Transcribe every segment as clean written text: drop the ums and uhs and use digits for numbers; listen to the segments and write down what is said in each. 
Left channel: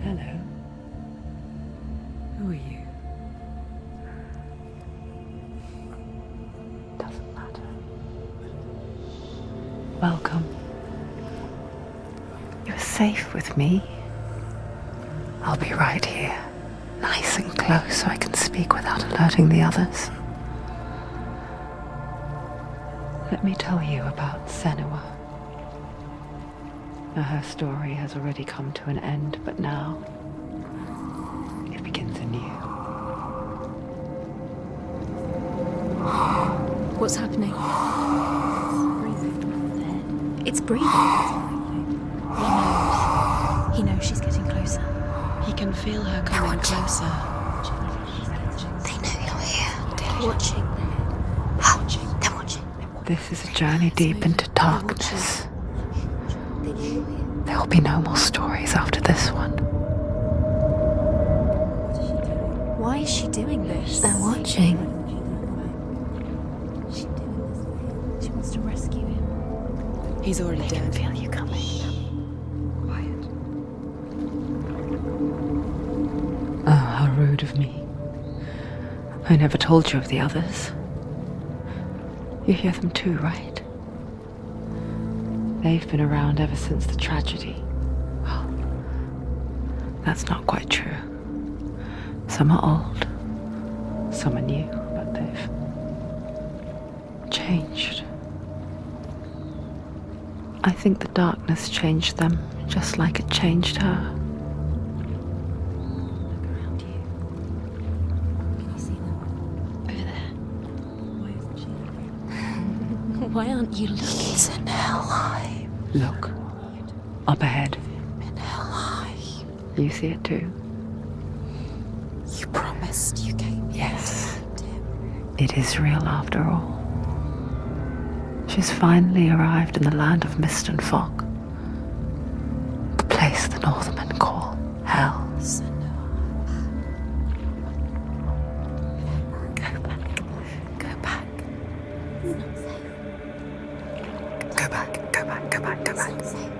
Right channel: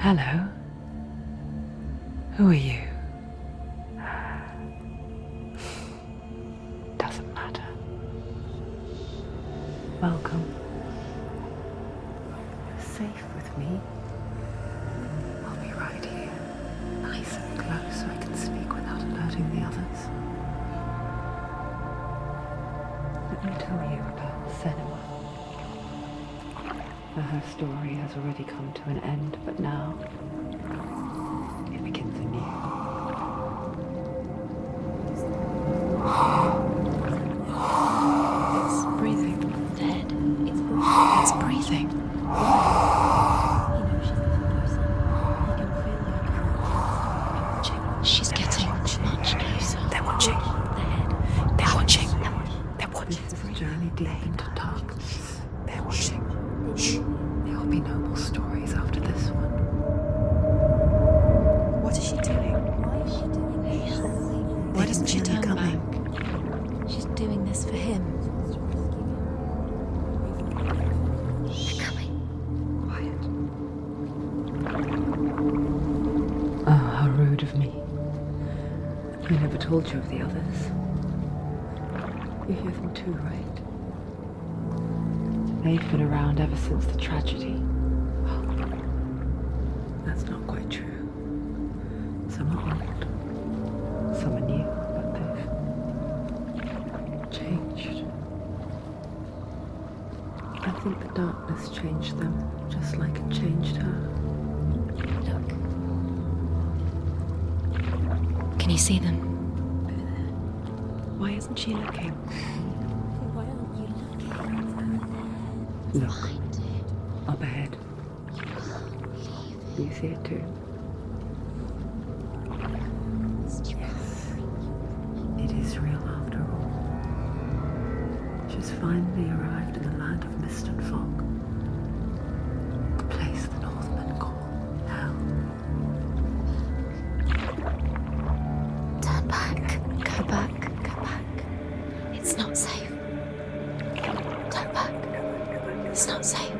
Hello. Who are you? Doesn't matter. Welcome. You're safe with me. I'll be right here, nice and close so I can speak without alerting the others. Let me tell you about Senua. Her story has already come to an end, but now it begins anew. What's happening? It's breathing. Dead. It's breathing. It's breathing. What? He knows she's getting closer. He can feel her coming closer. She's getting closer. They're watching. They're watching. They're watching. This is a journey deep into darkness. There will be no more stories after this one. What is she doing? Why is she doing this? They're watching. Why doesn't she turn back? She's doing this for him. She wants to rescue him. He's already dead. I can feel you coming. Quiet. Oh, how rude of me. I never told you of the others. You hear them too, right? They've been around ever since the tragedy. Well, that's not quite true. Some are old, some are new, but they've changed. I think the darkness changed them, just like it changed her. Look. Around you. Can you see them? Over there. Why isn't she looking? Why aren't you looking? It's in Helheim. Look, up ahead. In Helheim. You see it too? You promised you came. Yes. It is real after all. She's finally arrived in the land of mist and fog. The place the Northmen call Hell. Turn back. Go back. Go back. It's not safe. Go back. Go back. Go back. Go It's back. not safe.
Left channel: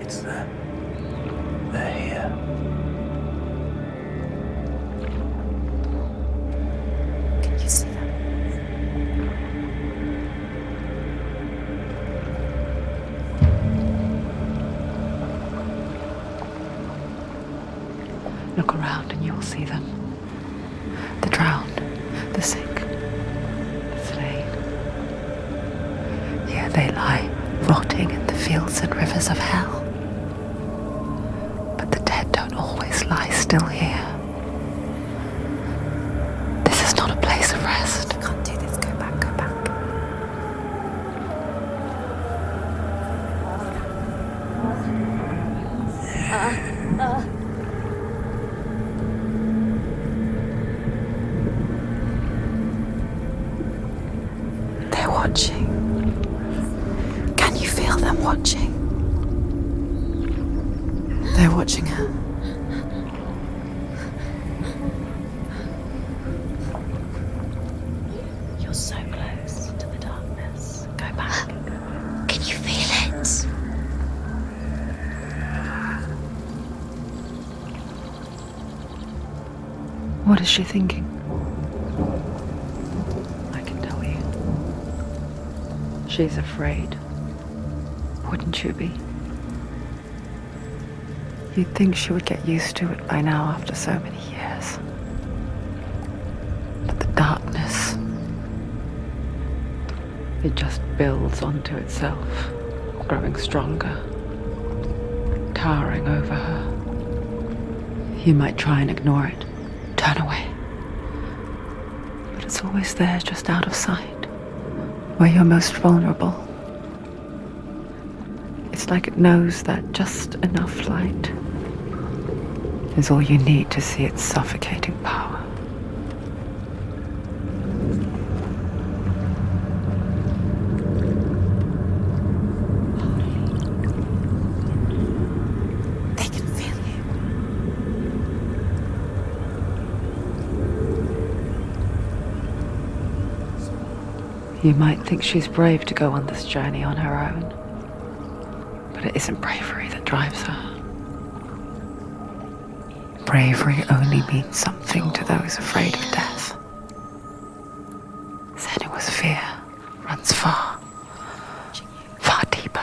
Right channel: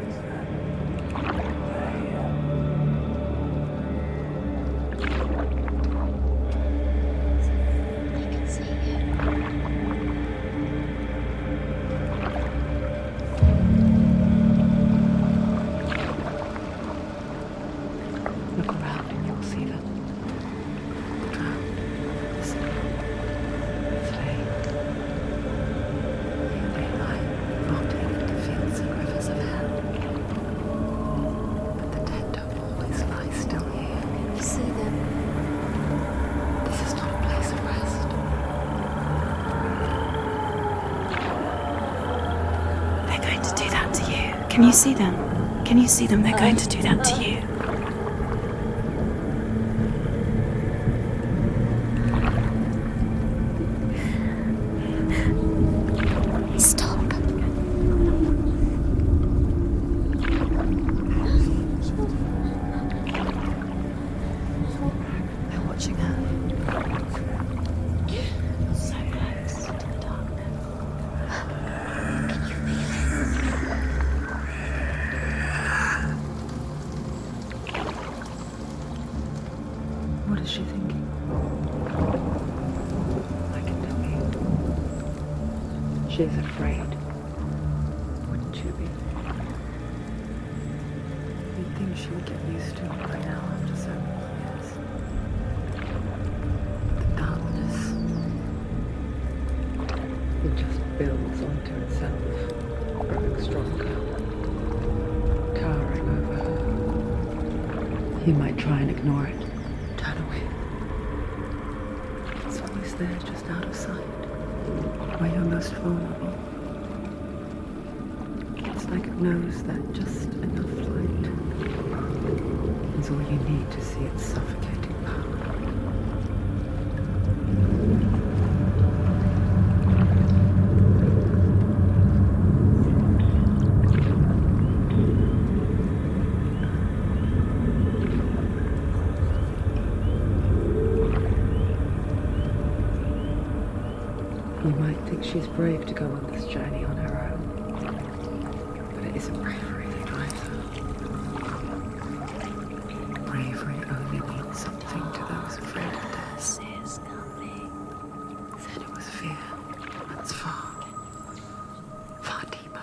It's there. They're here. Can you see them? I can see it. Look around and you'll see them. The drowned, the sick, the slain. Here they lie, rotting in the fields and rivers of hell. But the dead don't always lie still here. You see them? This is not a place of rest. You can't do this. Go back. Go back. They're going to do that to you. Can you see them? Can you see them? They're going to do that to you. They're watching. Stop. Can you feel them watching? They're watching her. They're watching her. You're so close to the darkness. Go back. Can you feel it? What is she thinking? I can tell you. She's afraid. Wouldn't you be? You'd think she would get used to it by now after so many years. But the darkness, it just builds onto itself, growing stronger, towering over her. You might try and ignore it, turn away. But it's always there, just out of sight, where you're most vulnerable. It's like it knows that just enough light is all you need to see its suffocating power. They can feel you. You might think she's brave to go on this journey on her own, but it isn't bravery that drives her. Bravery only means something to those afraid of death. Senua's fear runs far, far deeper.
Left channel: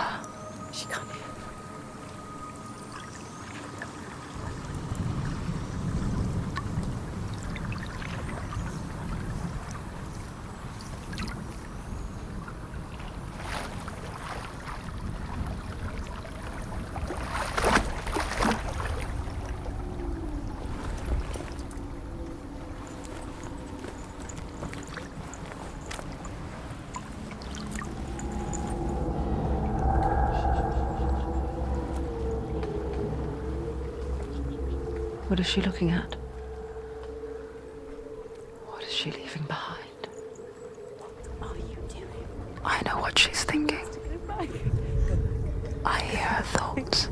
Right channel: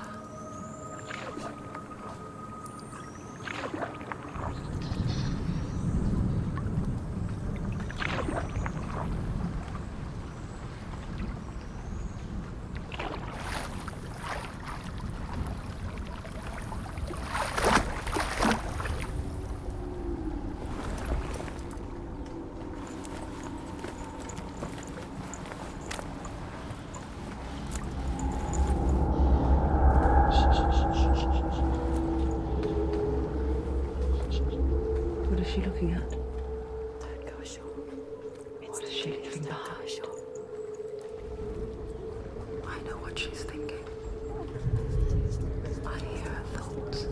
What is she looking at? What is she leaving behind? I know what she's thinking. I hear her thoughts.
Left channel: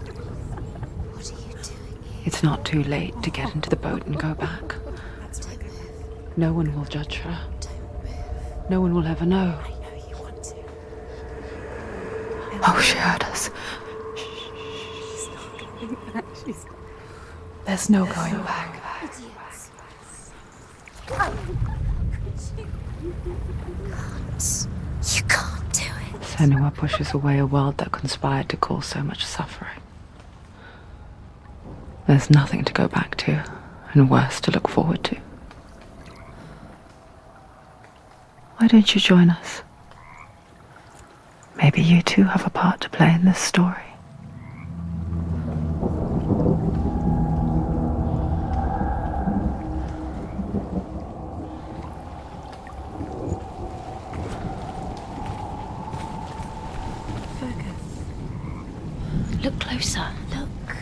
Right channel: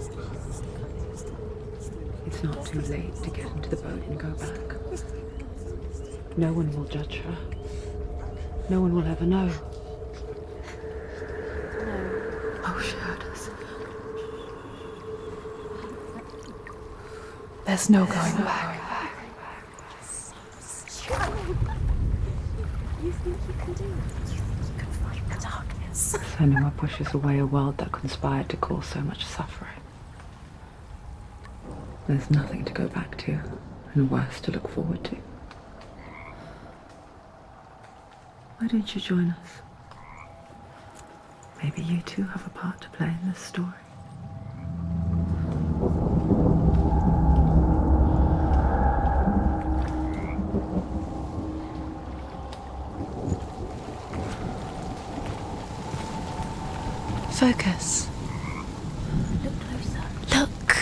It's not too late to get into the boat and go back. No one will judge her. No one will ever know. Oh, she heard us. There's no going back. You can't do it. Senua pushes away a world that conspired to cause so much suffering. There's nothing to go back to, and worse to look forward to. Why don't you join us? Maybe you too have a part to play in this story. Focus. Look closer. Look.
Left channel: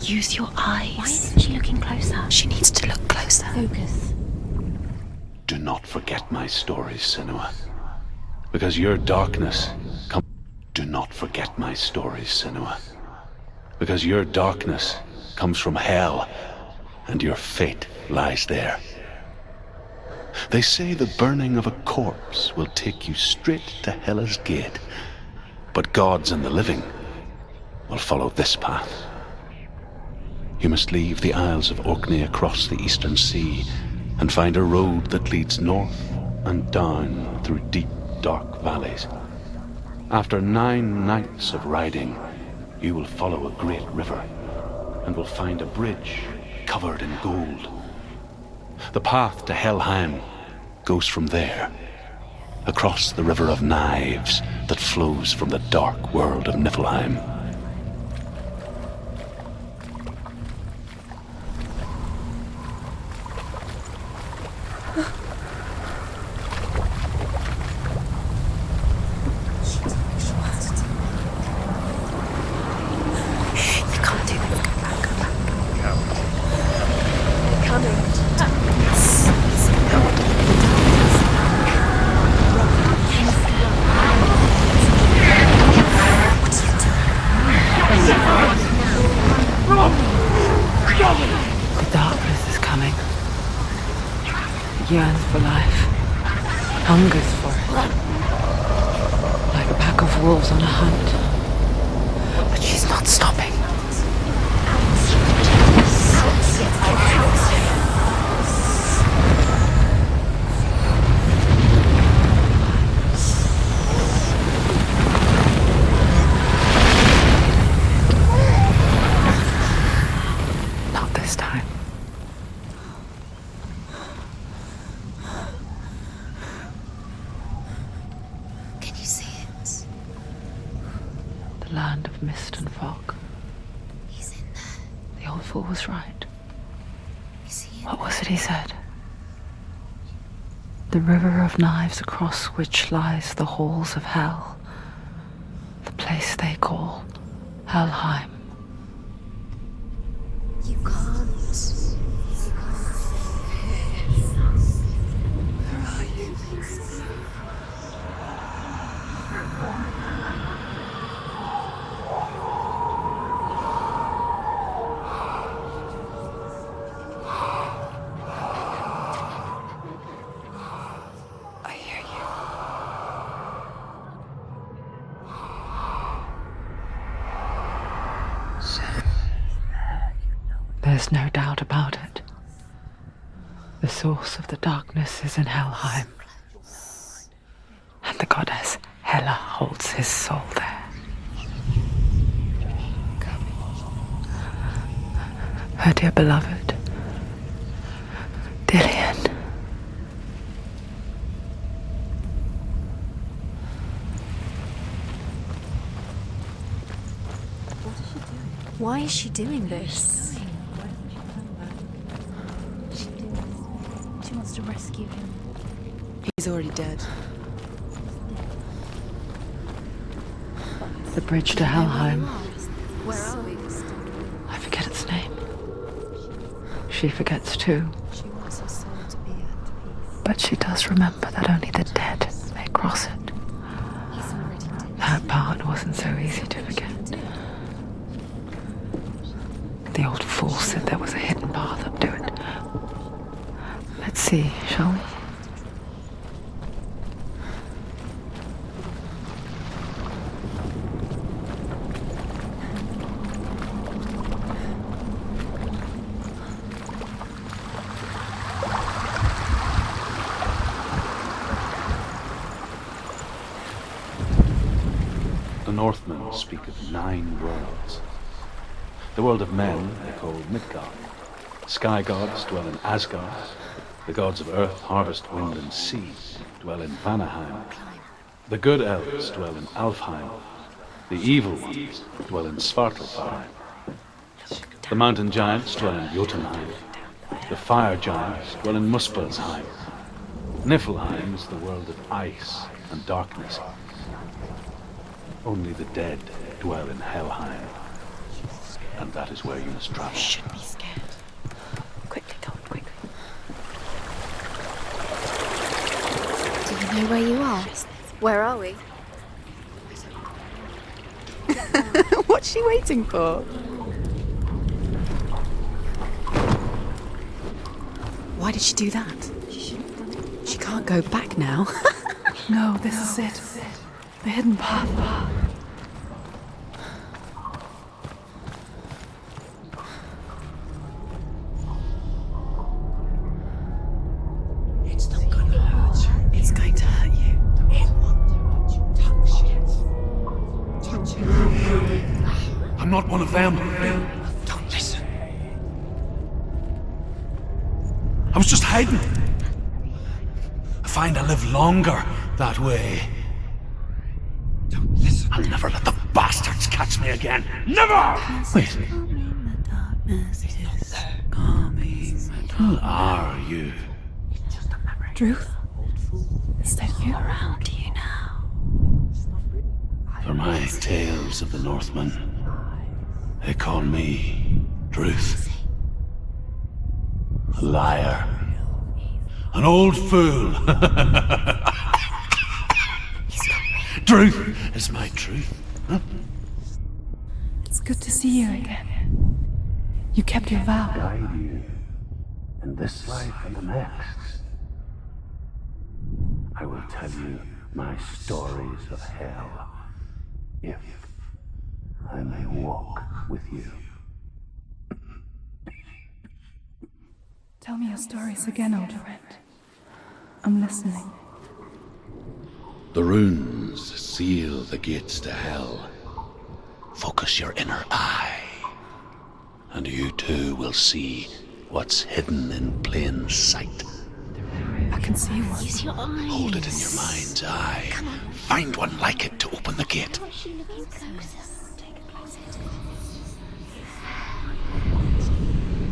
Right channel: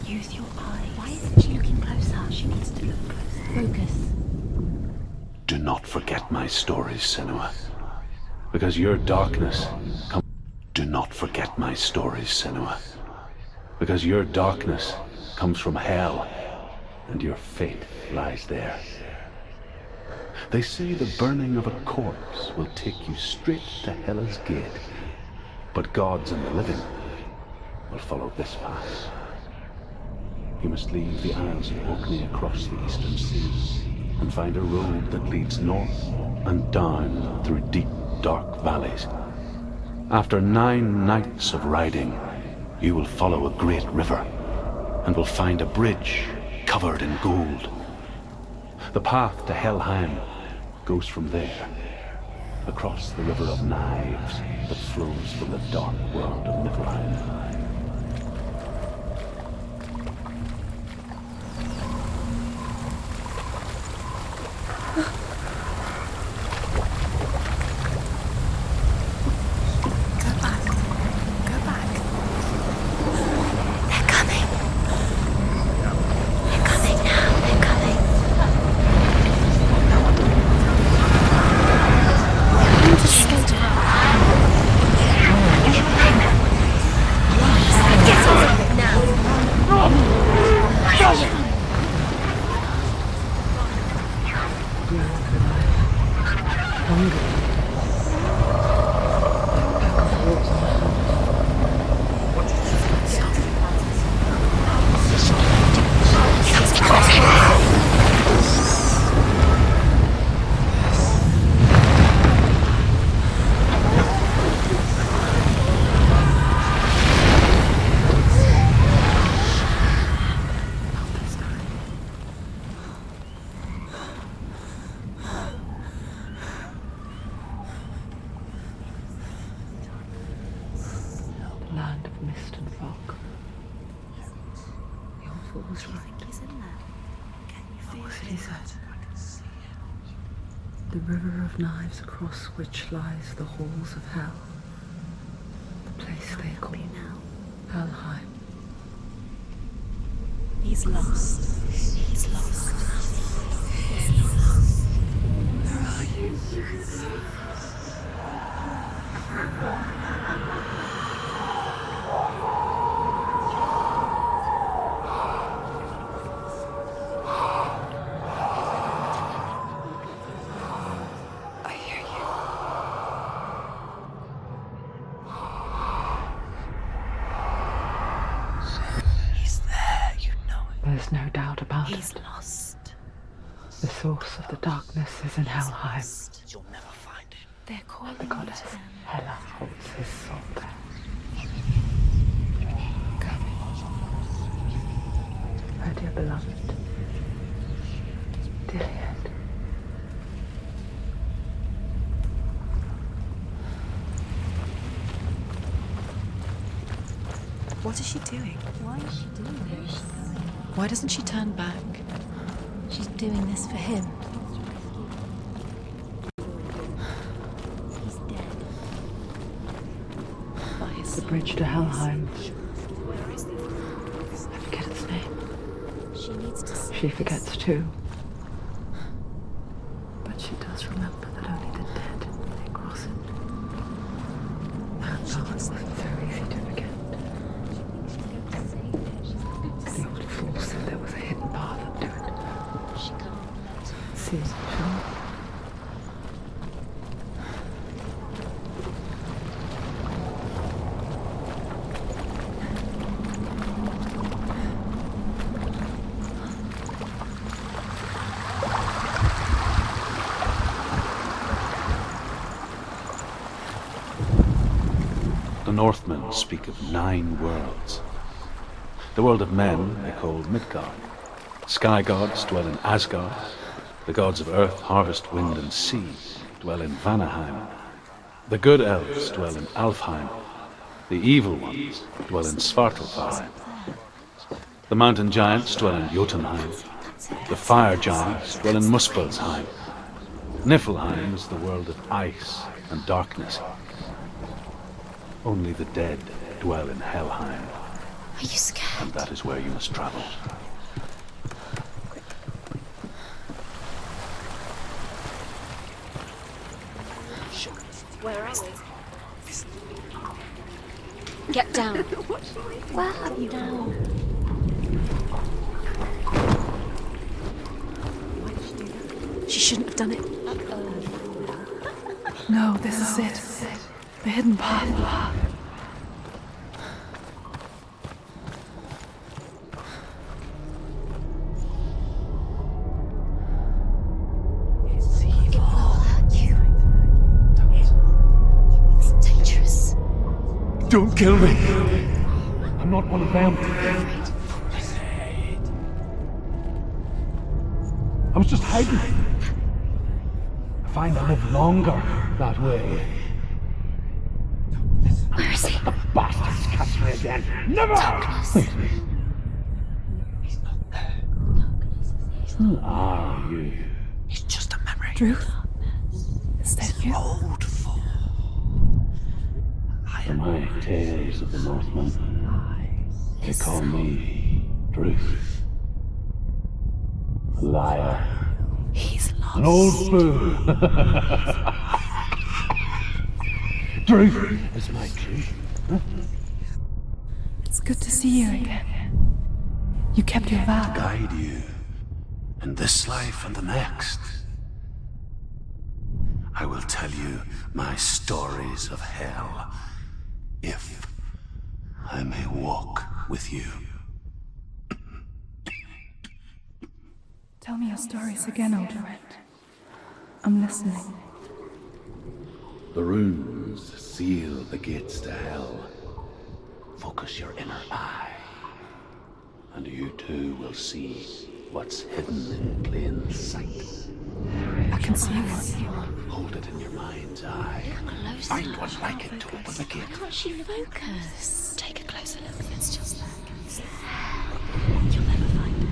Use your eyes. Why isn't she looking closer? She needs to look closer. Focus. Do not forget my stories, Senua. Because your darkness comes... Do not forget my stories, Senua. Because your darkness comes from hell, and your fate lies there. They say the burning of a corpse will take you straight to Hela's gate. But gods and the living will follow this path. You must leave the Isles of Orkney across the eastern sea and find a road that leads north and down through deep, dark valleys. After 9 nights of riding, you will follow a great river and will find a bridge covered in gold. The path to Helheim goes from there, across the river of knives that flows from the dark world of Niflheim. Darkness is coming. It yearns for life. Hungers for it. Like a pack of wolves on a hunt. But she's not stopping. Not this time. Can you see it? The land of mist and fog. He's in there. The old fool was right. You see it? What was it he said? The river of knives across which lies the halls of hell. The place they call Helheim. He's lost. He's lost. Where are you? I hear you. He's there, you know it. There's no doubt about He's it. lost. The source of the darkness is in Helheim, They're called and the goddess Hela holds his soul there. Coming. Her dear beloved, Dillian. What is she doing? Why is she doing this? Why doesn't she turn back? She's doing this for him. She wants to rescue him. He's already dead. He's dead. The bridge to Helheim. Where are we? I forget its name. She needs to see. She forgets too. She wants her soul to be at But she does remember that only the dead may cross it. That part wasn't so easy to forget. The old fool said there was a hidden path up to it. Let's see, shall we? The Northmen speak of 9 worlds. The world of men they call Midgard. Sky gods dwell in Asgard. The gods of earth, harvest, wind, and sea dwell in Vanaheim. The good elves dwell in Alfheim. The evil ones dwell in Svartalfheim. The mountain giants dwell in Jotunheim. The fire giants dwell in Muspelheim. Niflheim is the world of ice and darkness. Only the dead dwell in Helheim, Are you scared? and that is where you must travel. Quickly, come, quick. Do you know where you are? Where are we? Get down. What's she waiting for? Why did she do that? She shouldn't have done it. She can't go back now. No, this is it. The hidden path. He's going to hurt you. It's dangerous. Don't kill me. I'm not one of them. Don't listen. I was just hiding. I find I live longer that way. Don't listen. I'll never let the bastards catch me again. Never! Wait. Who are you? It's just a memory. Druth? Is that you? Around you now. For my tales of the Northmen, they call me Druth. A liar. He's lost. An old fool. Truth is my truth. It's good to see you again. You kept your vow. Guide you in this life and the next. I will tell you my stories of hell, if I may walk with you. Tell me your stories again, old friend. I'm listening. The runes seal the gates to hell. Focus your inner eye, and you too will see what's hidden in plain sight. I can see one. Use your eyes. Hold it in your mind's eye. Find one like it to open the gate. Can't you focus? Take a closer look. It's just like You'll never find it.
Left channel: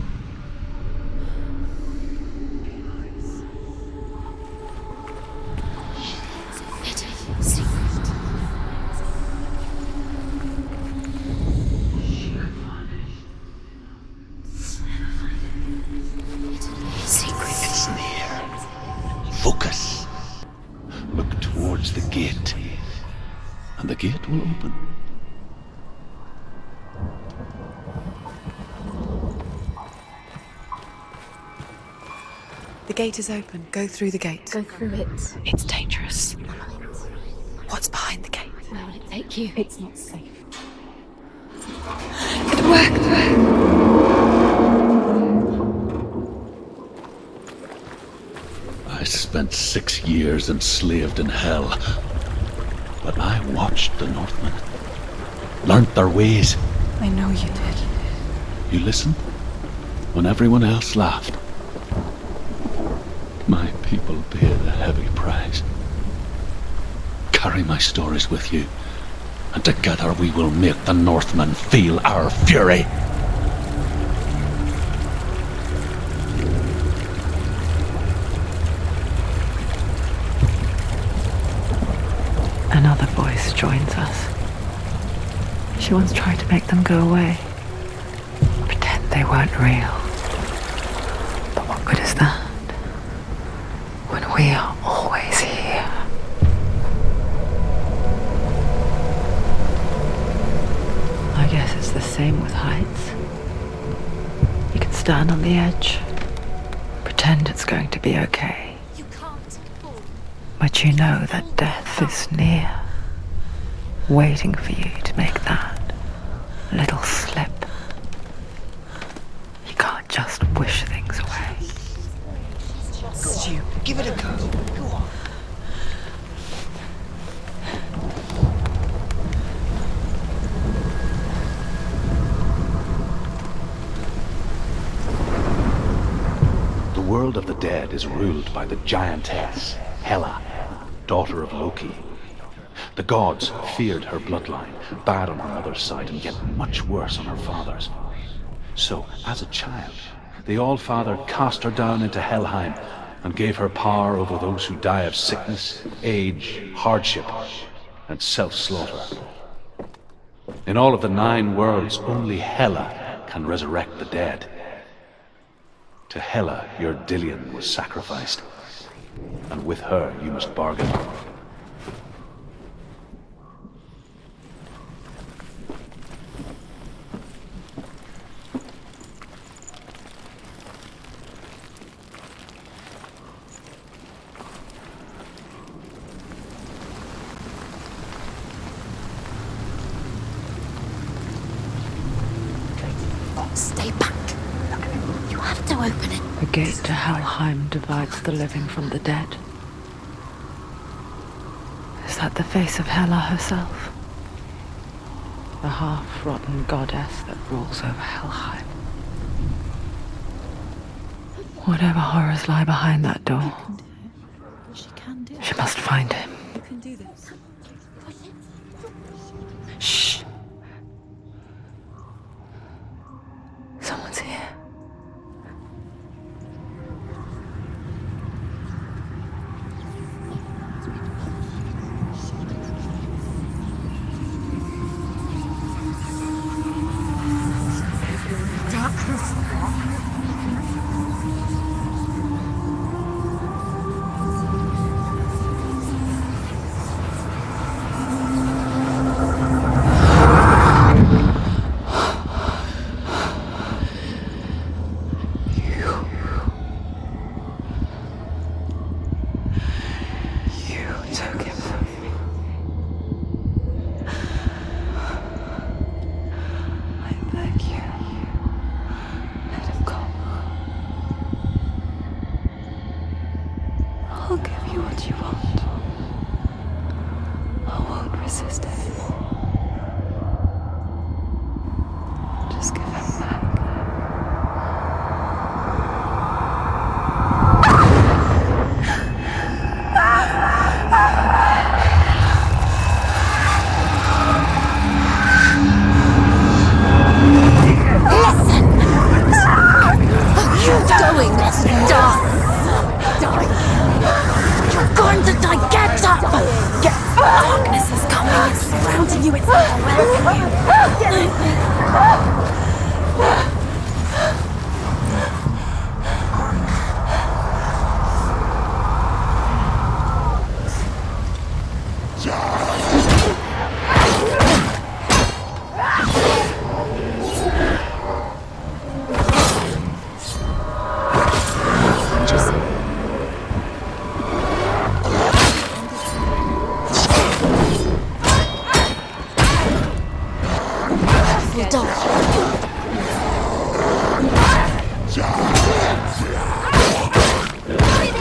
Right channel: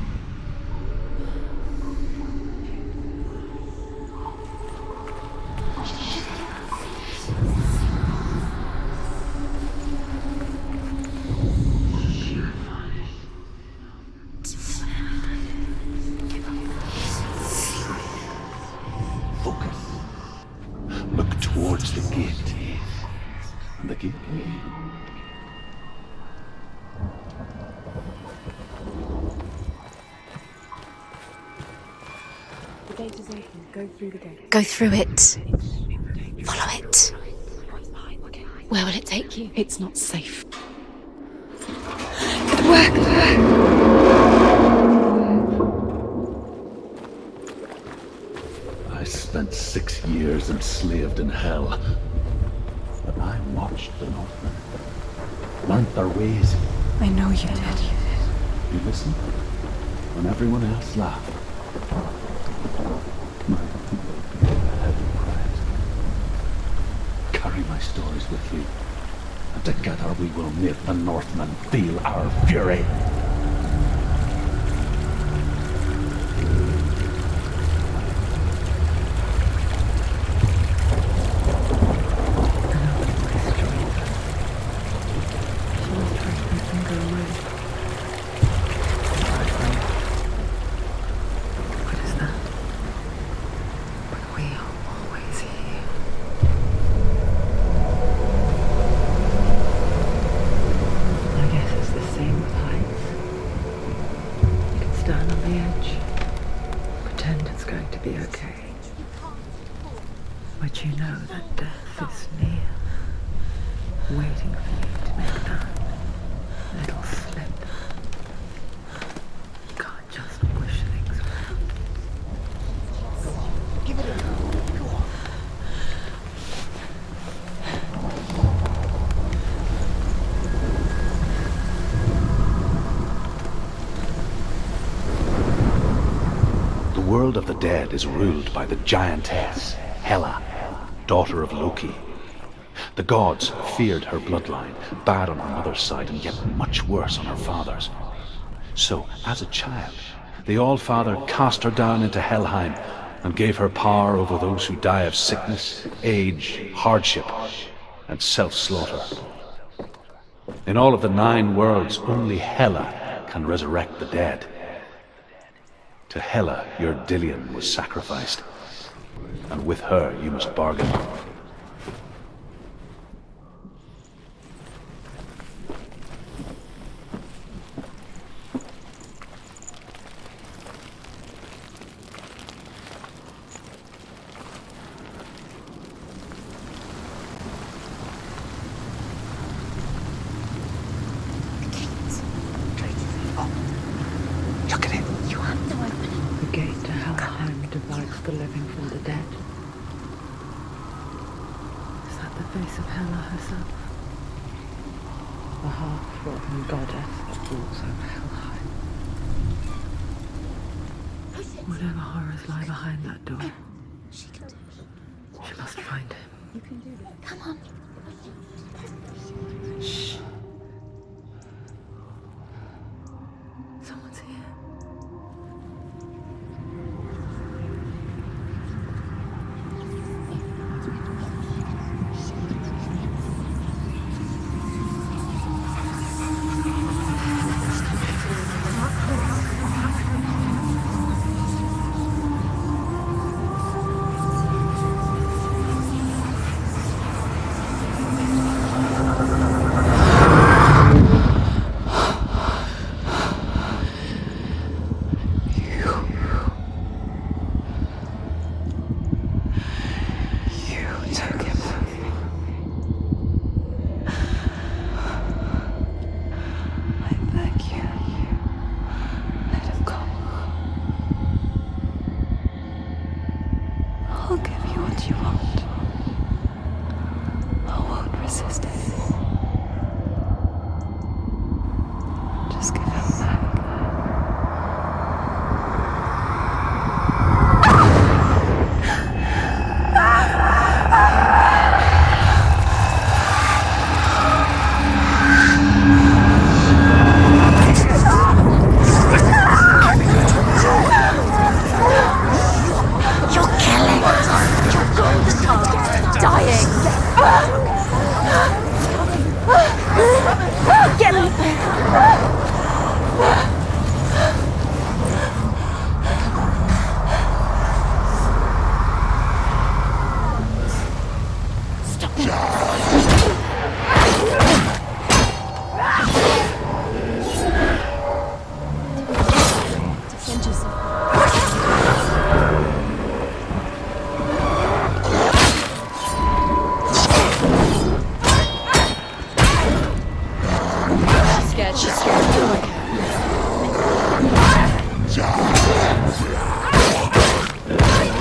It's near. Focus. Look towards the gate, and the gate will open. the gate is open. Go through the gate. Go through it. It's dangerous. Follow it. What's behind the gate? Where will it take you? It's not safe. It worked! spent 6 years enslaved in hell. But I watched the Northmen, learnt their ways. I know you did. You listened when everyone else laughed. My people paid a heavy price. Carry my stories with you, and together we will make the Northmen feel our fury. Another voice joins us. She once tried to make them go away. Pretend they weren't real. But what good is that? When we are always here. I guess it's the same with heights. You can stand on the edge, pretend it's going to be okay. But you know that death is near, waiting for you to make that little slip. You can't just wish things away. Stu, give it a go. Go on. The world of the dead is ruled by the giantess, Hela, daughter of Loki. The gods feared her bloodline, bad on her mother's side and yet much worse on her father's. So, as a child, the All-Father cast her down into Helheim and gave her power over those who die of sickness, age, hardship, and self-slaughter. In all of the 9 worlds, only Hela can resurrect the dead. To Hela, your Dillion was sacrificed, and with her you must bargain. Stay back. Look at it. You have to open it. The gate to Helheim divides the living from the dead. Is that the face of Hela herself? The half-rotten goddess that rules over Helheim. Whatever horrors lie behind that door, she must find him. Shh. Someone's here. I'll give you what you want. I won't resist anymore. Just give him back.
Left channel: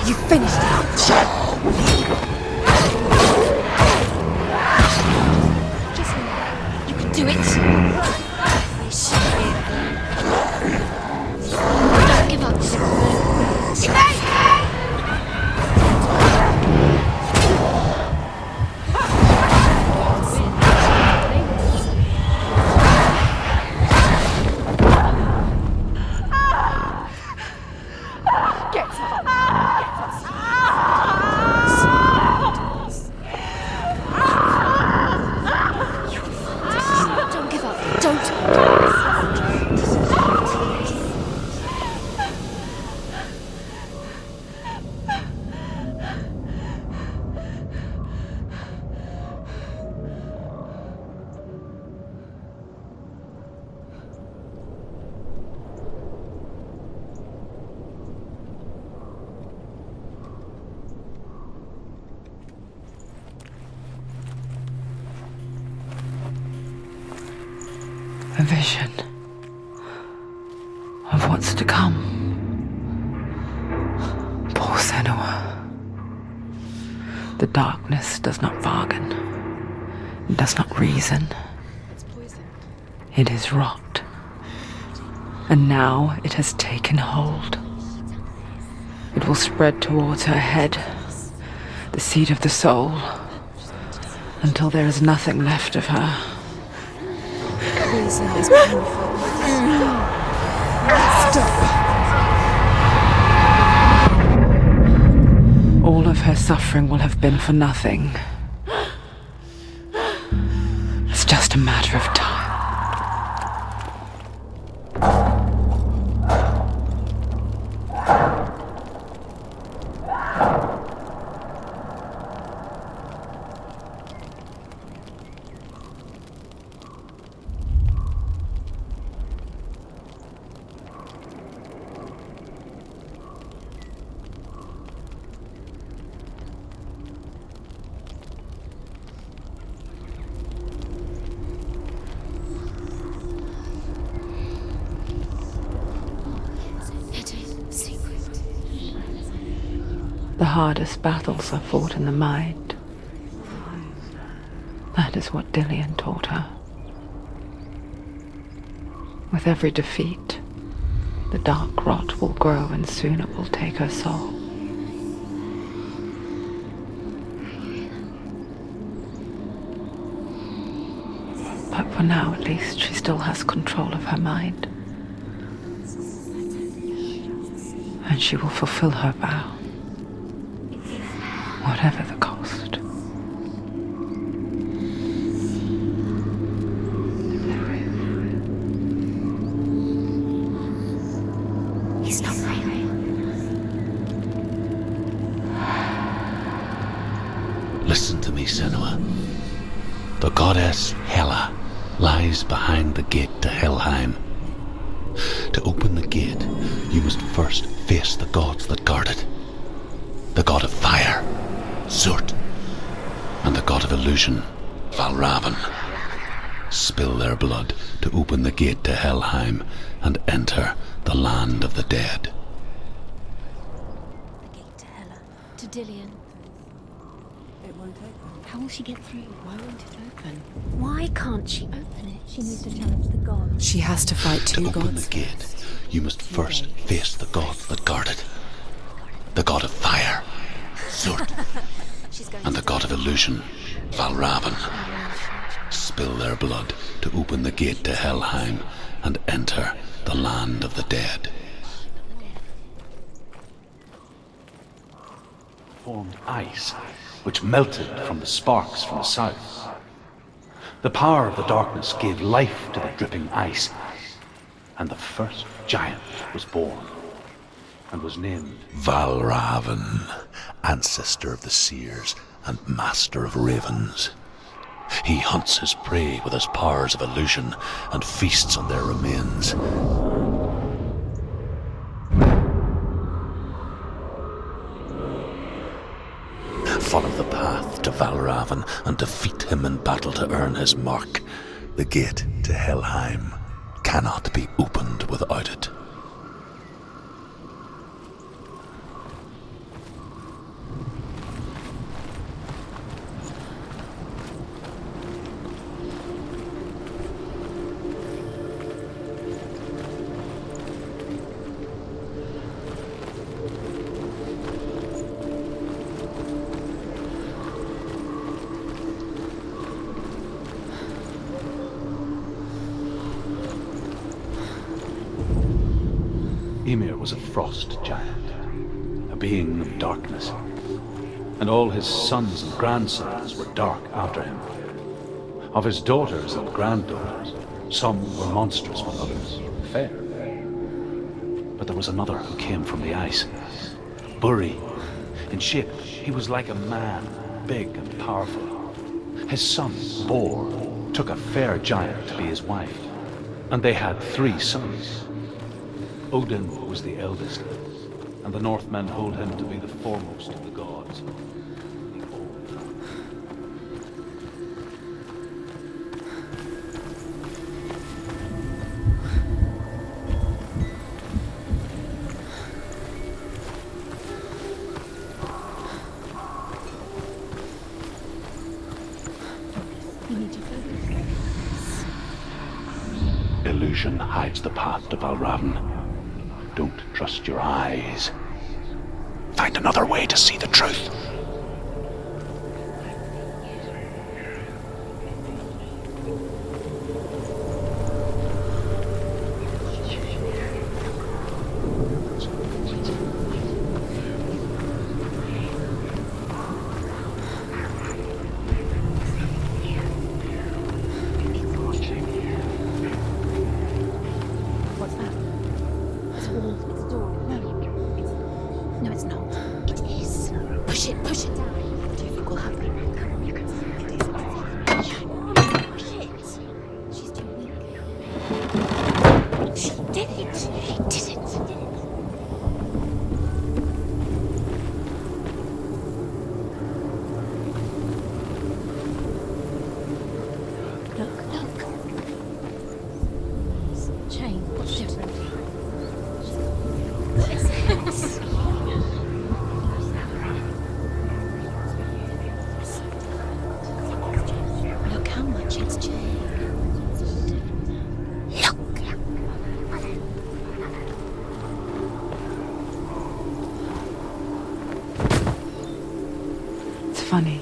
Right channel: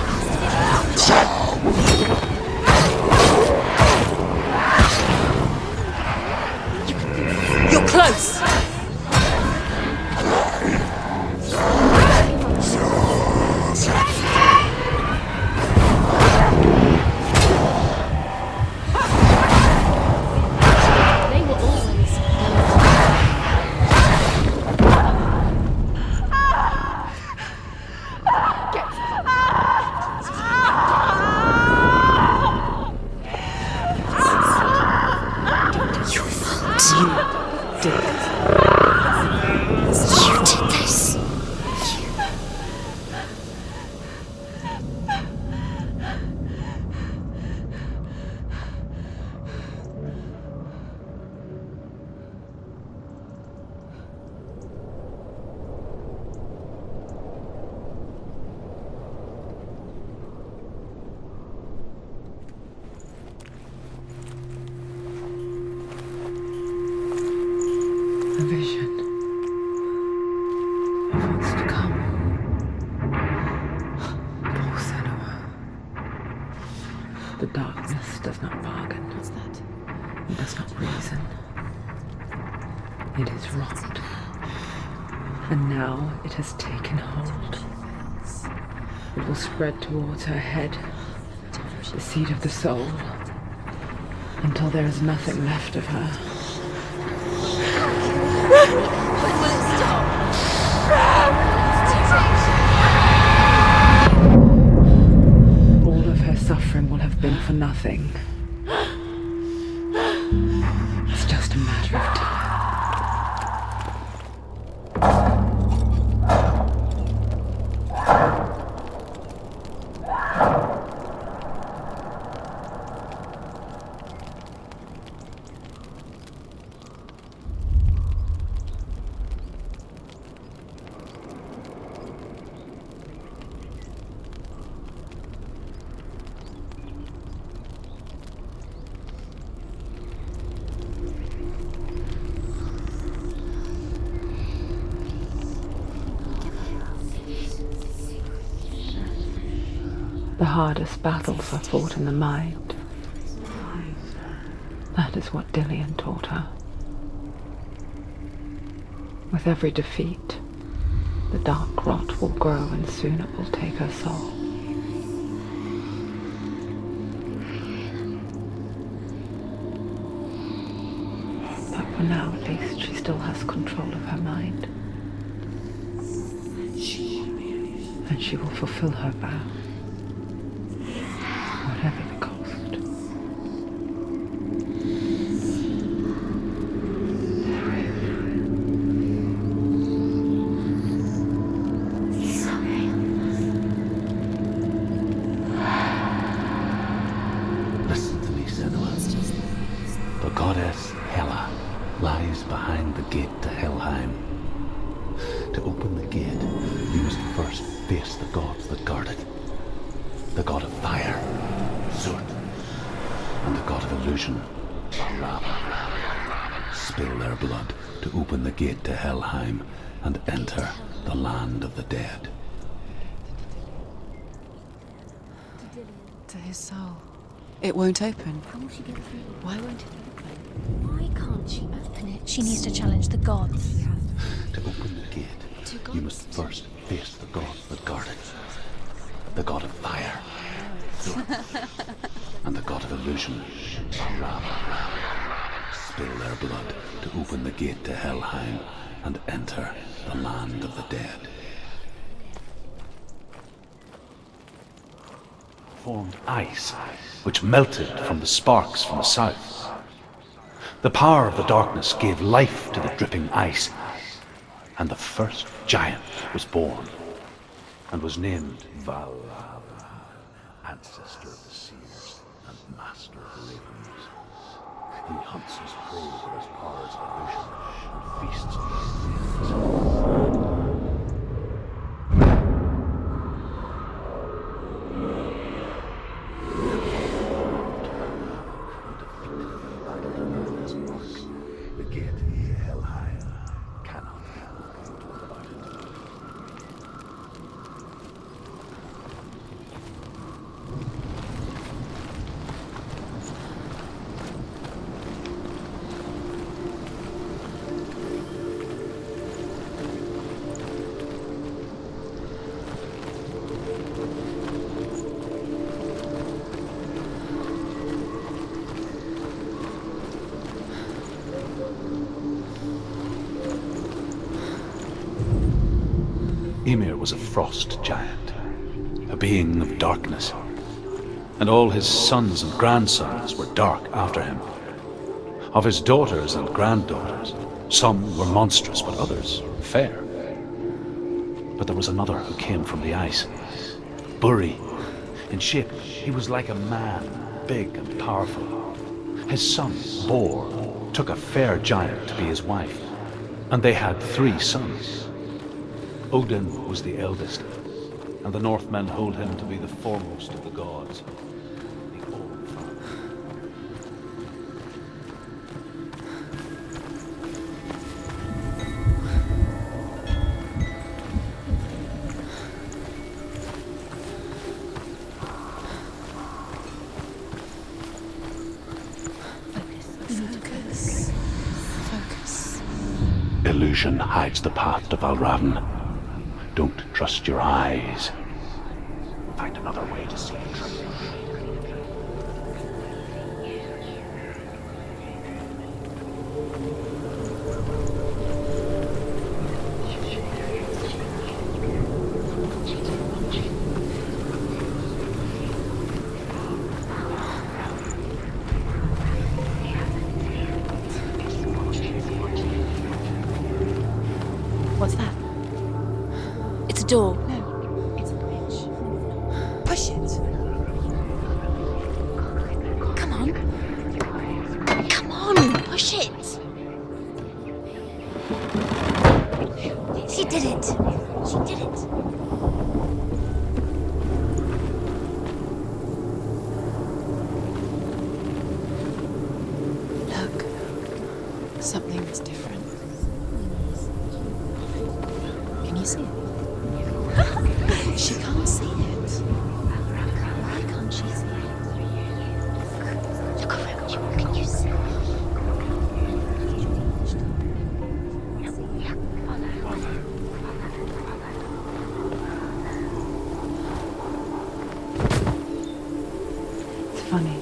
You finished. vision of what's to come. Poor Senua. The darkness does not bargain. It does not reason. It is rot. And now it has taken hold. It will spread towards her head, the seat of the soul, until there is nothing left of her. All of her suffering will have been for nothing. It's just a matter of time. The hardest battles are fought in the mind. That is what Dillian taught her. With every defeat, the dark rot will grow and soon it will take her soul. But for now, at least, she still has control of her mind. And she will fulfill her vow. Whatever the cost. He's not there. Listen to me, Senua. The goddess Hela lies behind the gate to Helheim. To open the gate, you must first face the gods that guard it. The god of fire, Zurt, and the god of illusion, Valravn. Spill their blood to open the gate to Helheim and enter the land of the dead. To Hela. To Dillian. To his soul. It won't open. How will she get through? Why won't it open? Why can't she open it? She needs to challenge the gods. She has to fight To two open gods. the gate, you must first face the gods that guard it. The god of fire, Zurt, and the god of illusion, Valravn. Spill their blood to open the gate to Helheim and enter the land of the dead. Formed ice, which melted from the sparks from the south. The power of the darkness gave life to the dripping ice, and the first giant was born, and was named Valravn, ancestor of the seers and master of ravens. He hunts his prey with his powers of illusion and feasts on their remains. Follow the path to Valravn and defeat him in battle to earn his mark. The gate to Helheim cannot be opened without it. Ymir was a frost giant, a being of darkness, and all his sons and grandsons were dark after him. Of his daughters and granddaughters, some were monstrous, but others fair. But there was another who came from the ice, Buri. In shape, he was like a man, big and powerful. His son, Bor, took a fair giant to be his wife, and they had 3 sons. Odin was the eldest, and the Northmen hold him to be the foremost of the gods. The All-Father. illusion hides the path to Valravn. Don't trust your eyes. Find another way to see the truth. What's that? It's a door. No, it's not. Push it. Push it. Push it. Come on. Come on. Push it. She did it. She did it. She did it. Look. Something is different. Change. Different. Can you see it? She can't see it. Can't she see it? Look, can you see it? Your camera just changed. It's funny.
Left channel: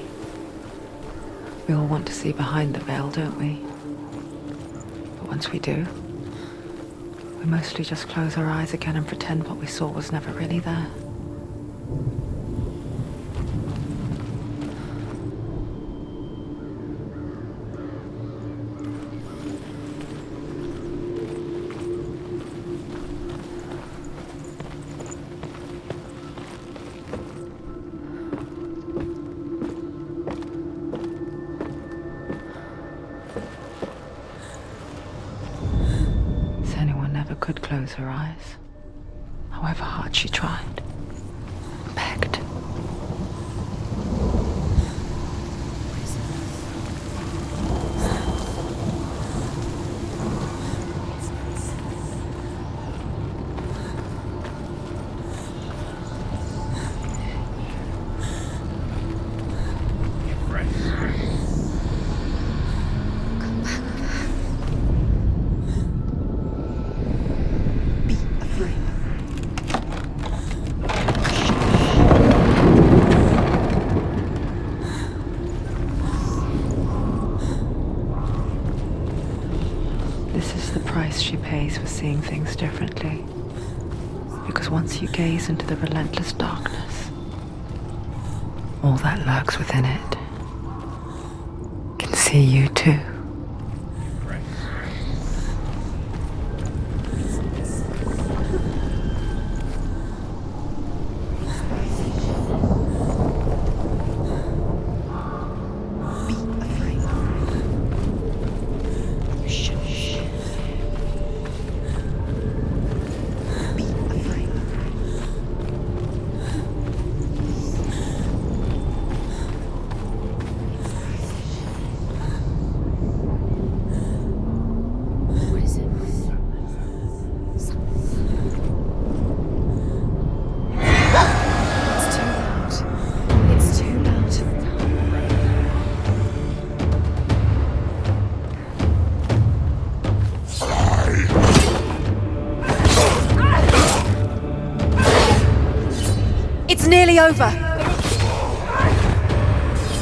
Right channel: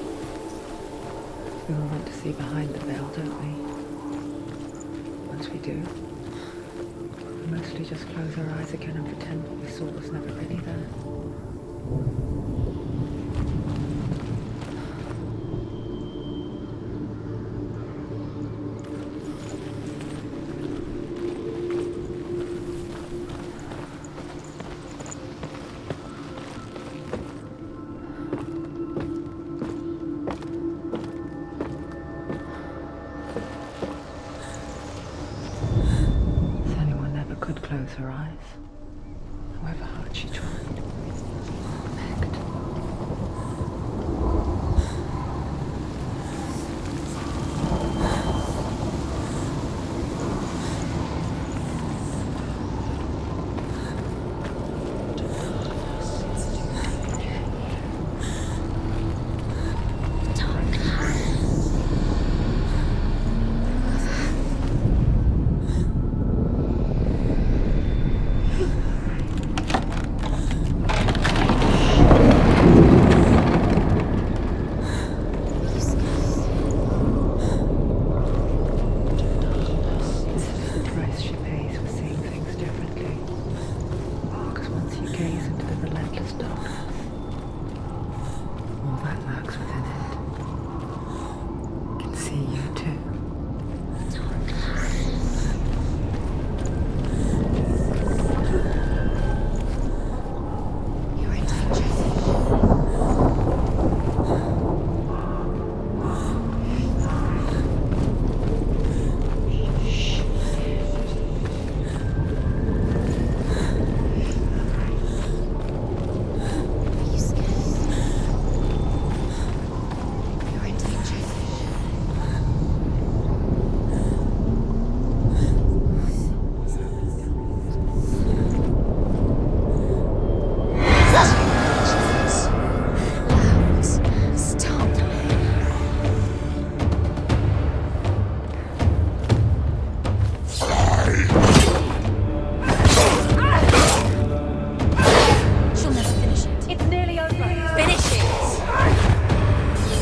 We all want to see behind the veil, don't we? But once we do, we mostly just close our eyes again and pretend what we saw was never really there. Could close her eyes, however hard she tried. Pict. She pays for seeing things differently. Because once you gaze into the relentless darkness, all that lurks within it can see you too. Over. Finish it.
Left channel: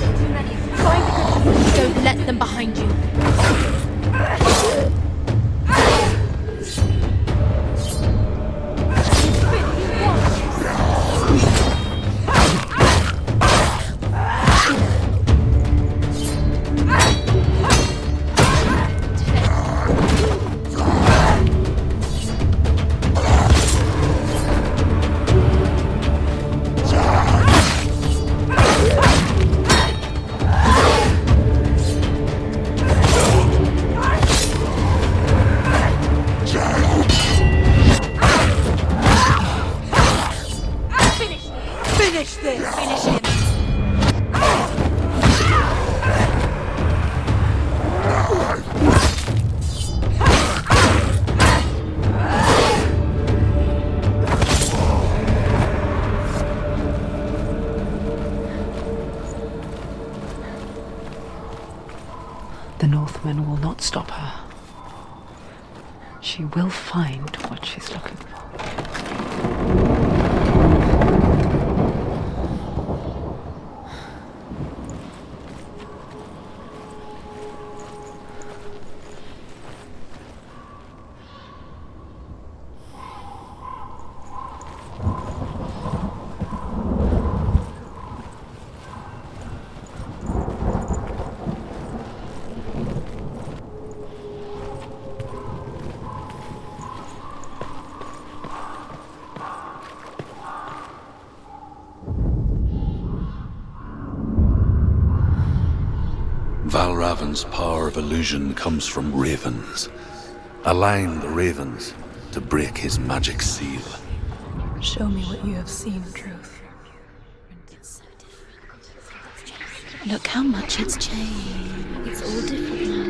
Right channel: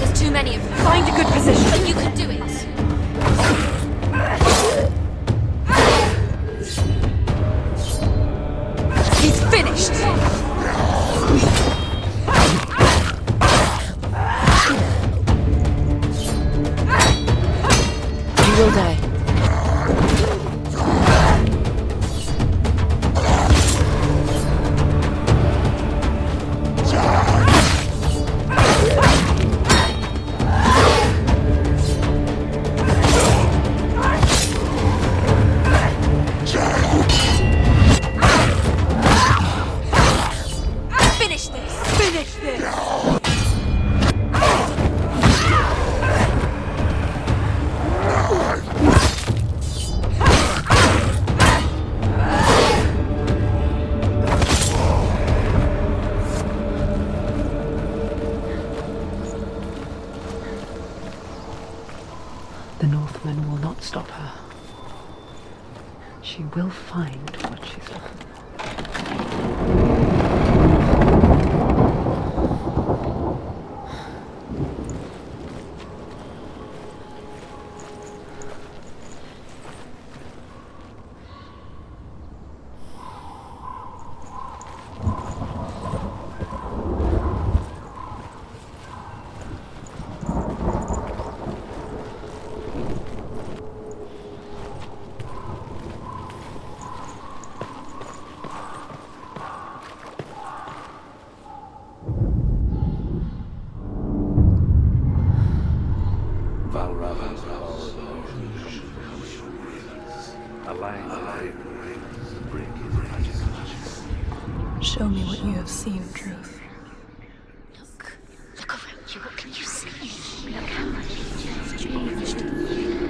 There's too many of them. Find a good position. You let them behind you. He's finished. The Northmen will not stop her. She will find what she's looking for. Valravan's power of illusion comes from ravens. Align the ravens to break his magic seal. Show me what you have seen, Truth. Look how much it's changed. It's all different.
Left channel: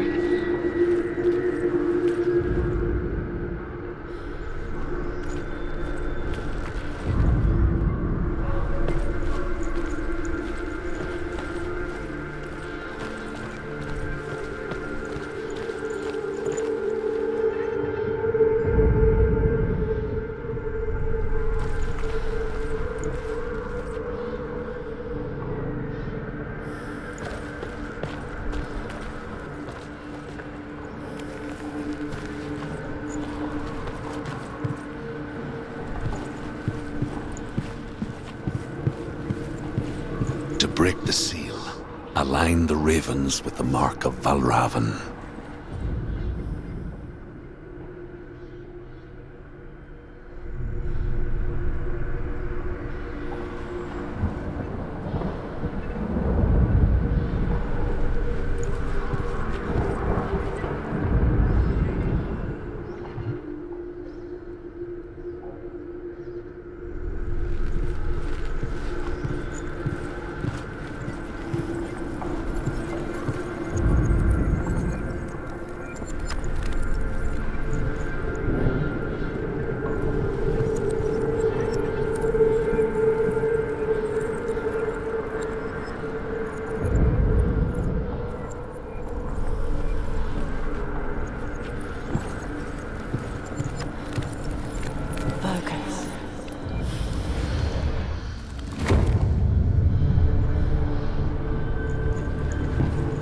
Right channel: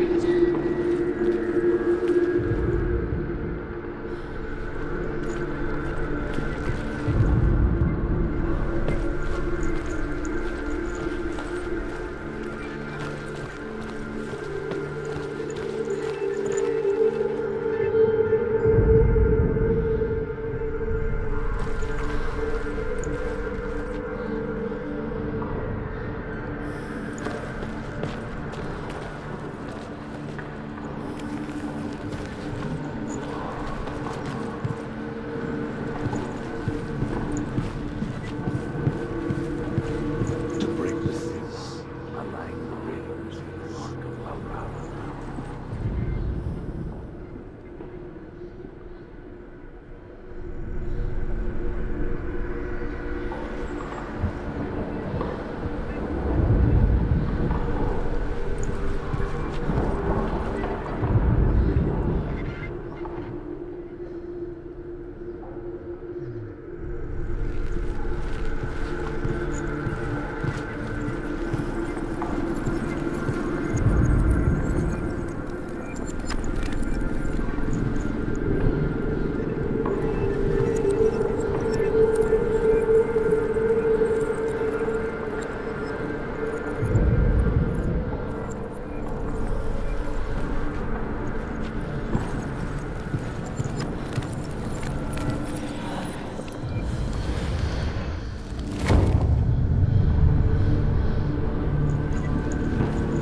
To break the seal, align the ravens with the mark of Valravan.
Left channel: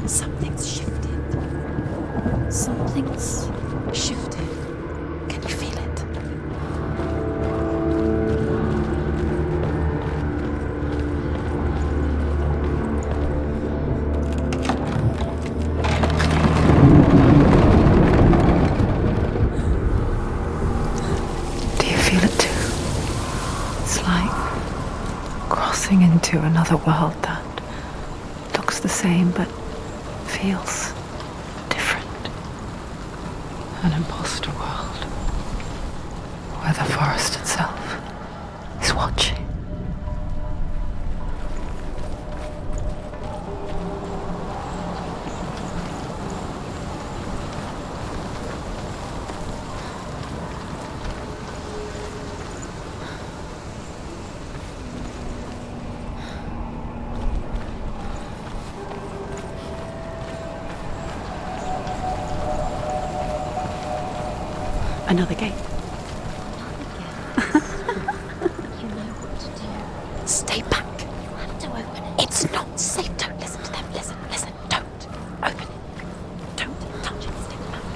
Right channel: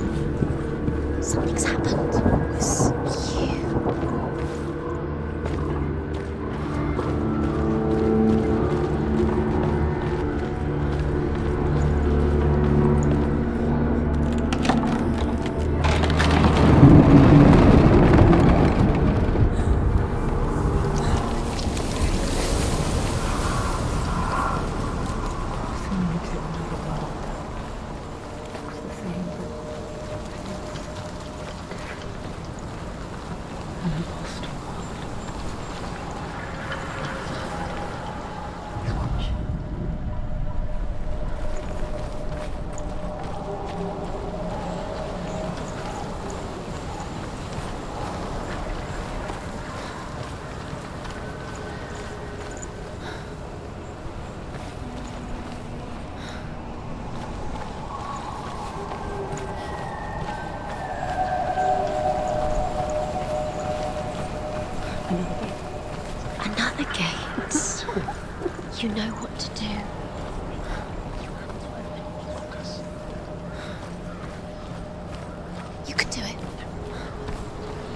Something's shifted. Something's happened. Something here shifted. Can you feel it? Do you feel it too? It's like crossing into another world that looks the same but feels different. An imposter world where the forest itself is watching. Another gate. Another gate. You know what to do. Stay back. You have to open it. It's not safe. Don't listen to them. Listen. Don't. Open it. You can do it. Don't touch it. Stay back.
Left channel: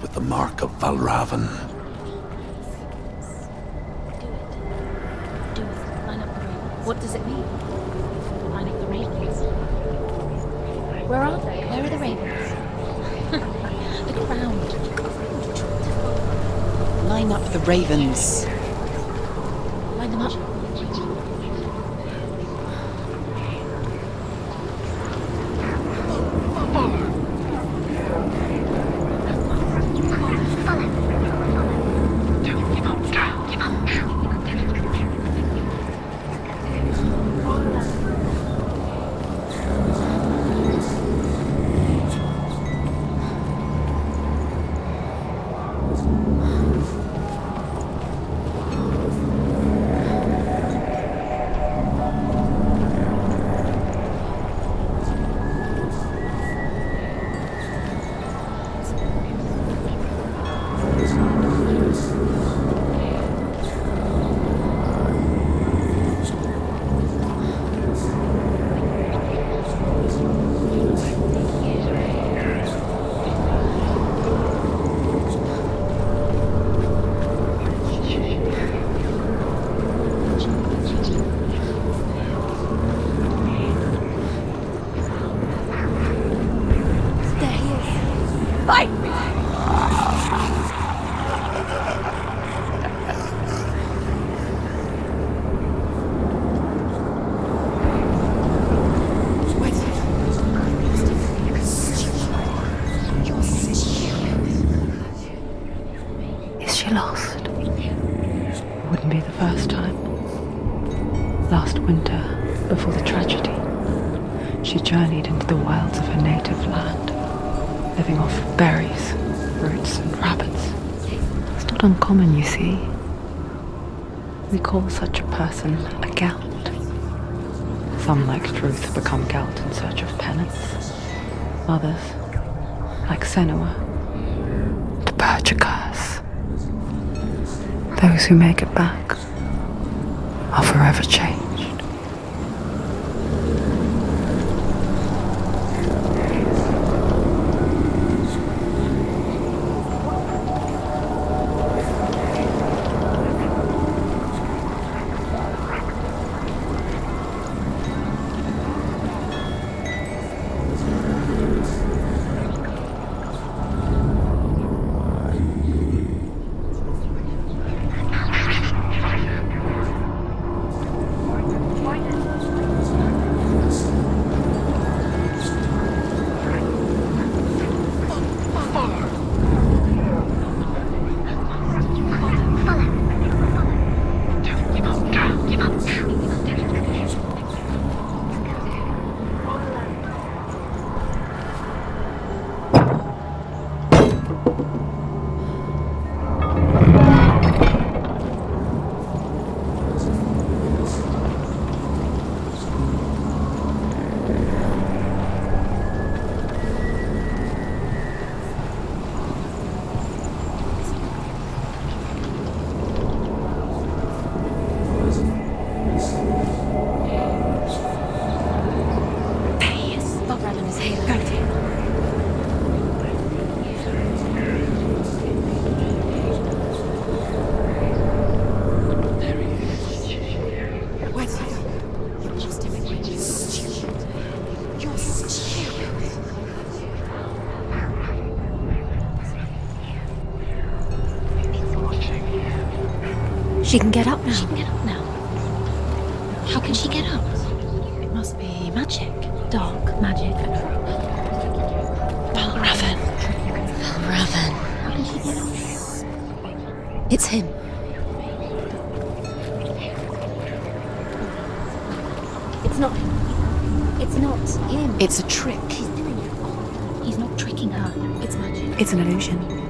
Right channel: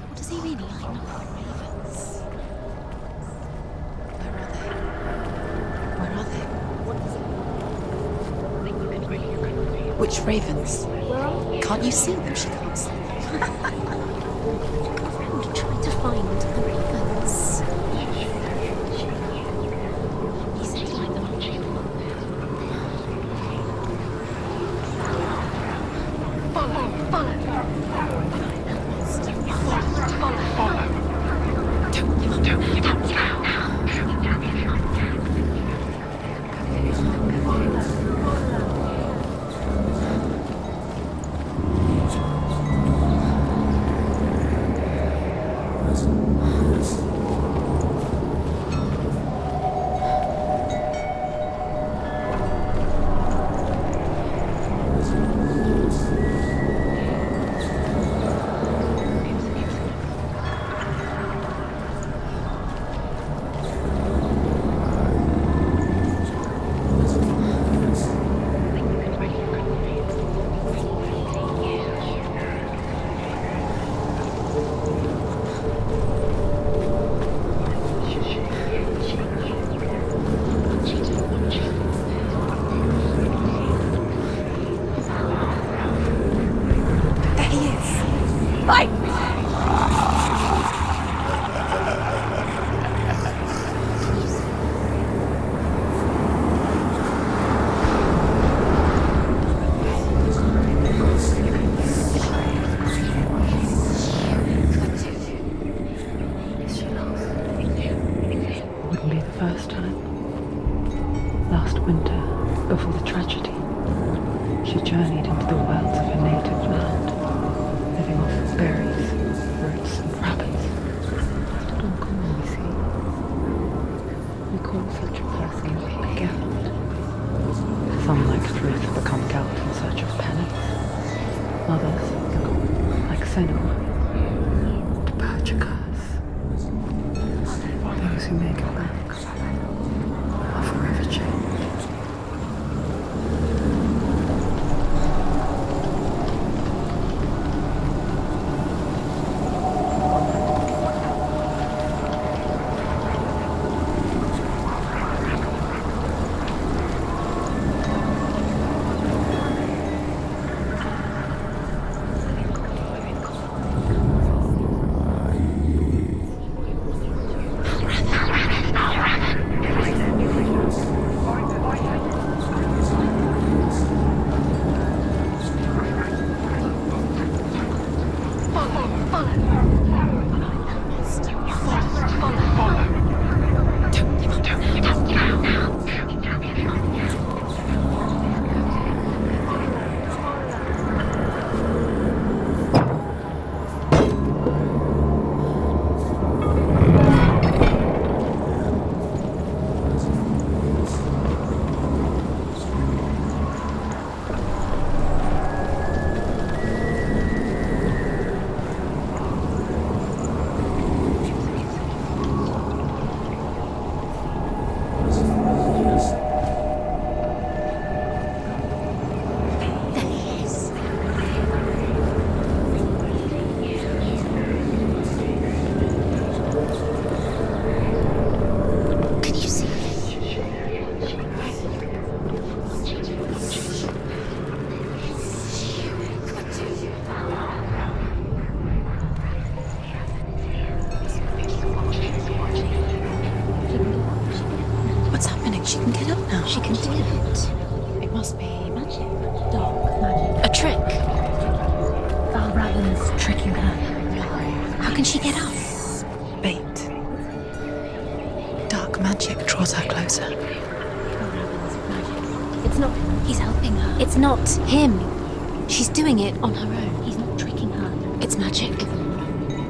with the mark of Valravan. What does it mean? Which ravens? Where are they? Can't you see them, Shames? Line up the ravens. Is she lost? Wouldn't be the first time. Last winter, before the tragedy, she journeyed into the wilds of her native land, living off berries, roots, and rabbits. It's not uncommon, you see. We call such a person a Gelt. Some, like Truth, become Gelt in search of penance. Others, like Senua, to purge a curse. Those who make it back are forever changed. She can get up now. She can get up now. What's happening? She can get up now. How can she get out? It must be magic. Dark magic. A trick. Raven. Tricking her. Raven. How can she get up? Bait. It's him. Dark magic draws her closer. It's not. He's helping her. It's not him. It's a trick. She's doing it on her own. He's not tricking her. It's magic. It's an illusion.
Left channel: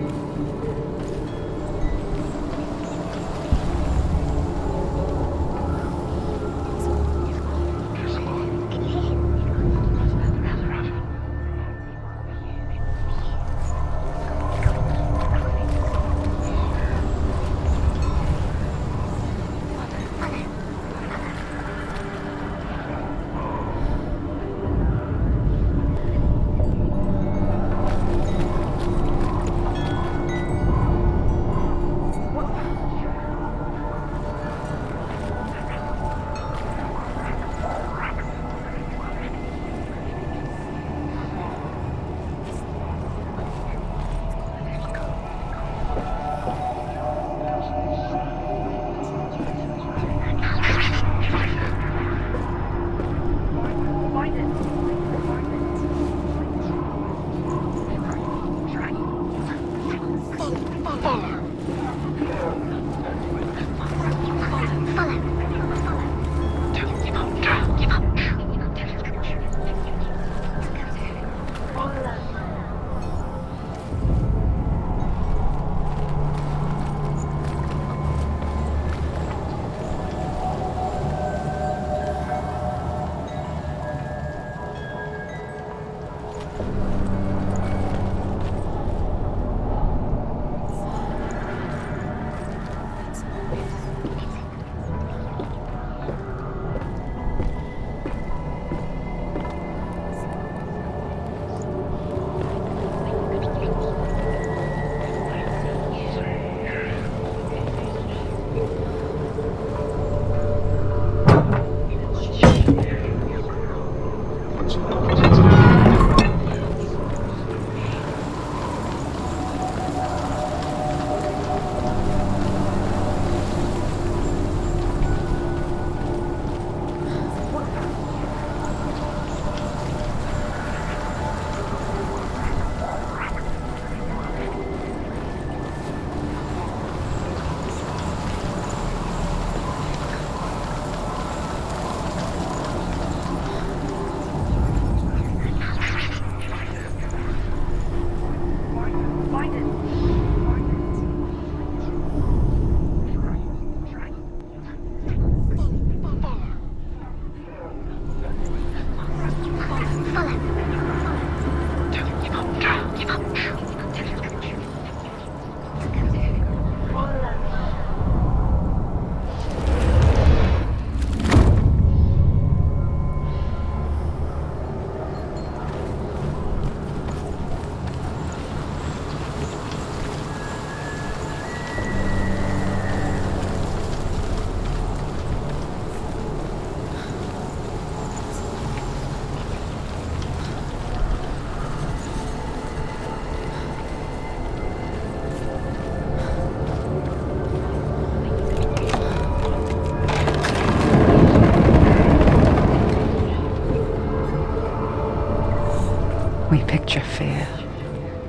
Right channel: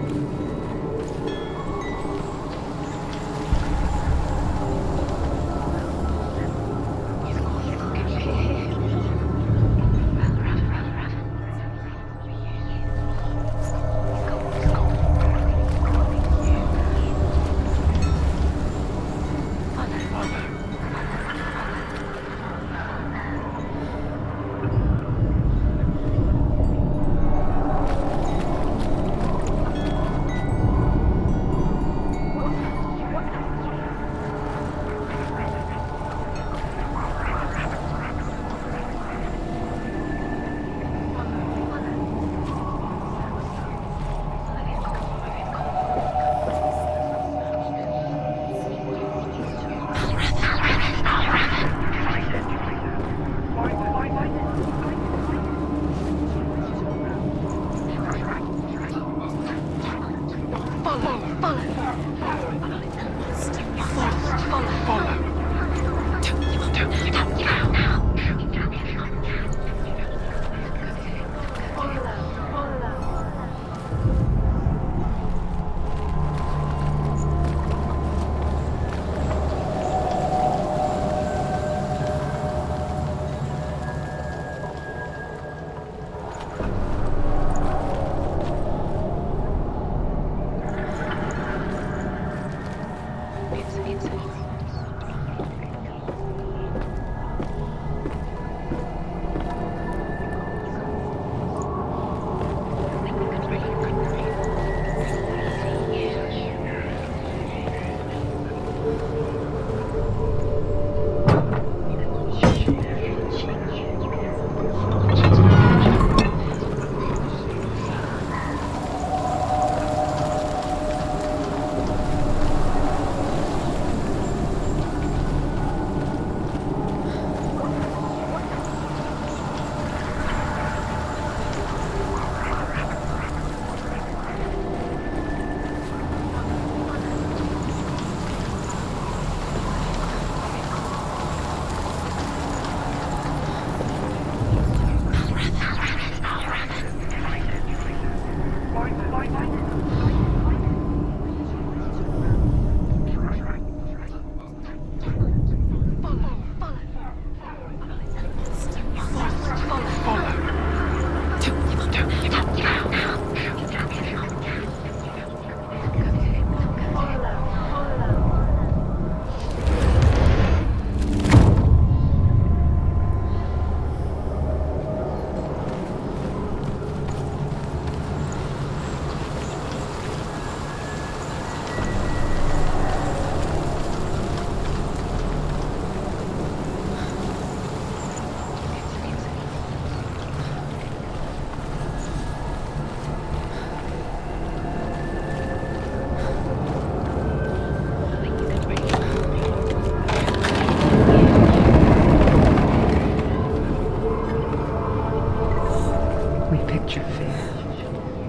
We picture fear,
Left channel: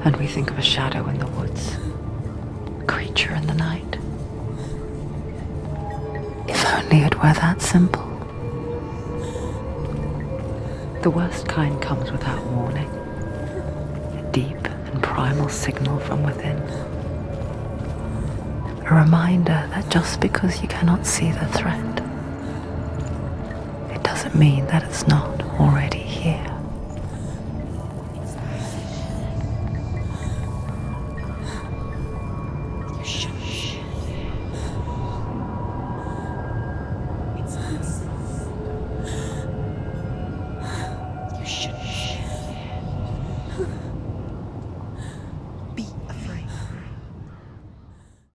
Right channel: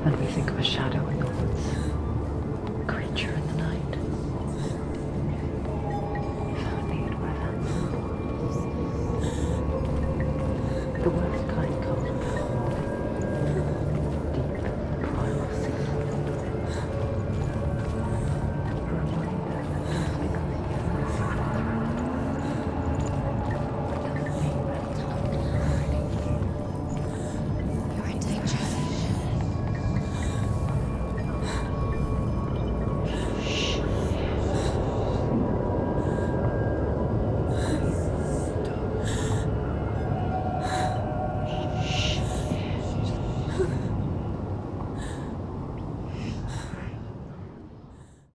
and we think of a shadow in the woods, a creature in the night. If only it were that simple. The worst kind comes without warning, a deep and primal signal from within. A reminder that just because you cannot see the threat, it doesn't mean that it's not.